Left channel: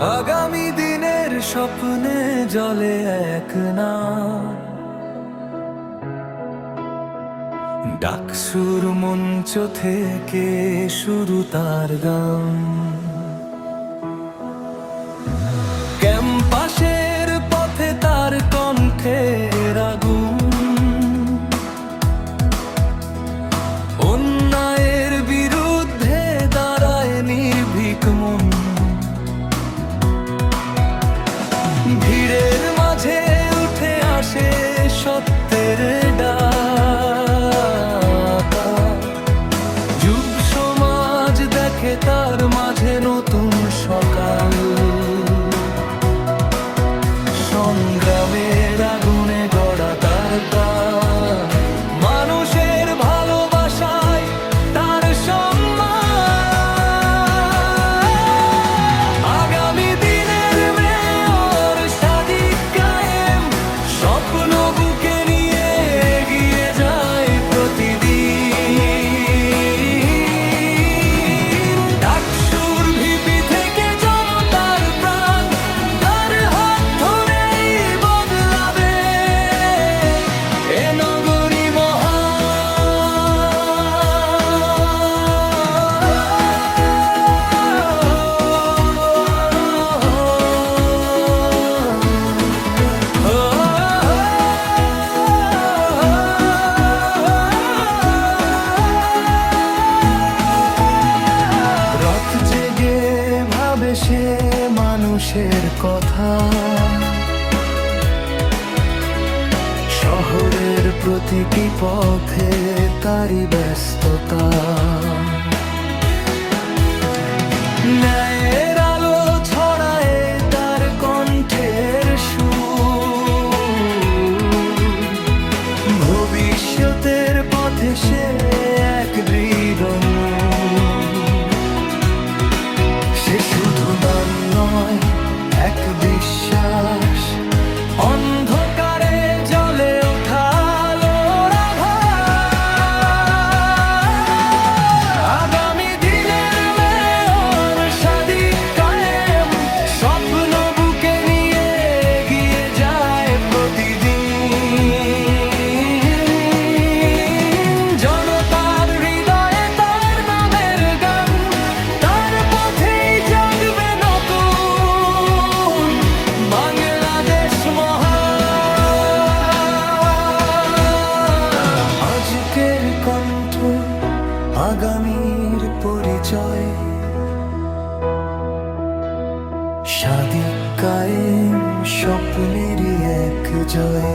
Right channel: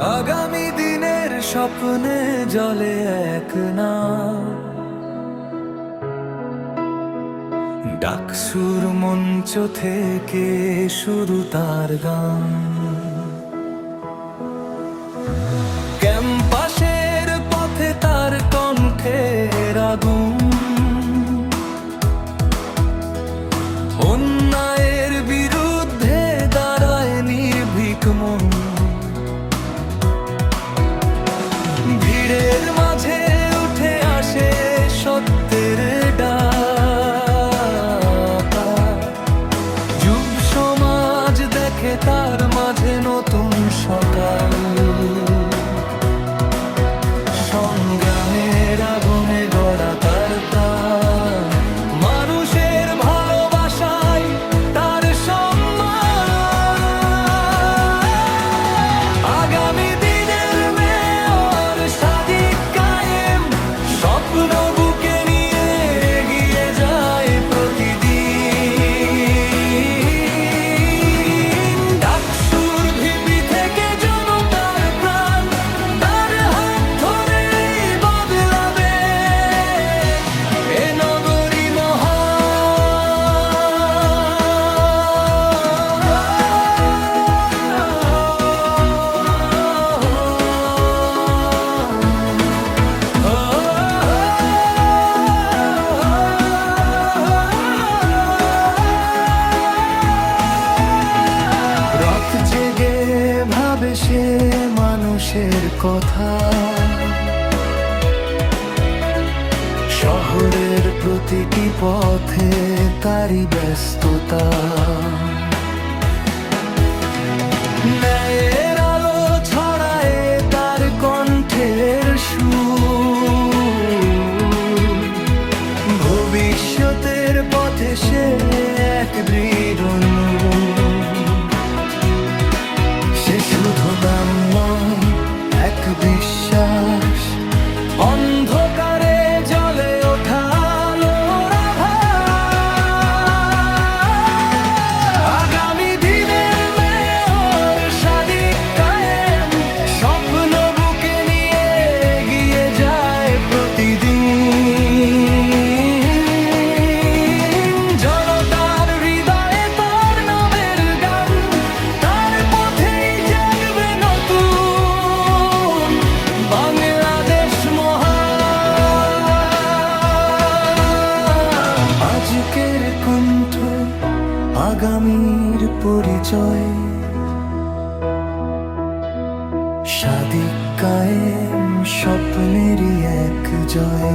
আগামী দিনের স্বপ্নে জলে এক নাও, ডাকসুর মঞ্চ থেকে শুরু তার গান। ক্যাম্পাসের পথে তার কণ্ঠের আগুন, অন্যায়ের বিরুদ্ধে দাঁড়ায় নির্ভীক মন। ভিড়ের মাঝে উঠে আসে সত্যের ডাক, যুব সমাজ দেখে তার মাঝে নতুন সকাল। সংগ্রামের আগুনে গড়া তার প্রাণ, মানুষের ভালোবাসায় তার সম্মান। আগামী দিনের মেয়র সাদিক কায়েম, স্বপ্ন বুকে নিয়ে এগিয়ে যায় প্রতিদিন। ডাকসুর ভিপি থেকে জনতার প্রাণ, তার হাত ধরেই বদলাবে এ নগরী মহান। রাত জেগে ভাবে সে মানুষের কথা, শহরের প্রতিটি পথে তারই ব্যস্ততা। ন্যায়ের আলো ছড়ায় তার কণ্ঠের সুর, ভবিষ্যতের পথে সে এক দৃঢ় নূর। সে শুধু নাম নয়, এক বিশ্বাস, অন্ধকারে জ্বলে ওঠা আলোর আভাস। আগামী দিনের মেয়র সাদিক কায়েম, স্বপ্ন বুকে নিয়ে এগিয়ে যায় প্রতিদিন। জনতার হৃদয়ে তার নামের গান, তার পথেই জাগবে নতুন বাংলাদেশ মহান। আজকের কণ্ঠ, আগামীর পরিচয়, সাদিক কায়েম, স্বপ্নেরই এক জয়।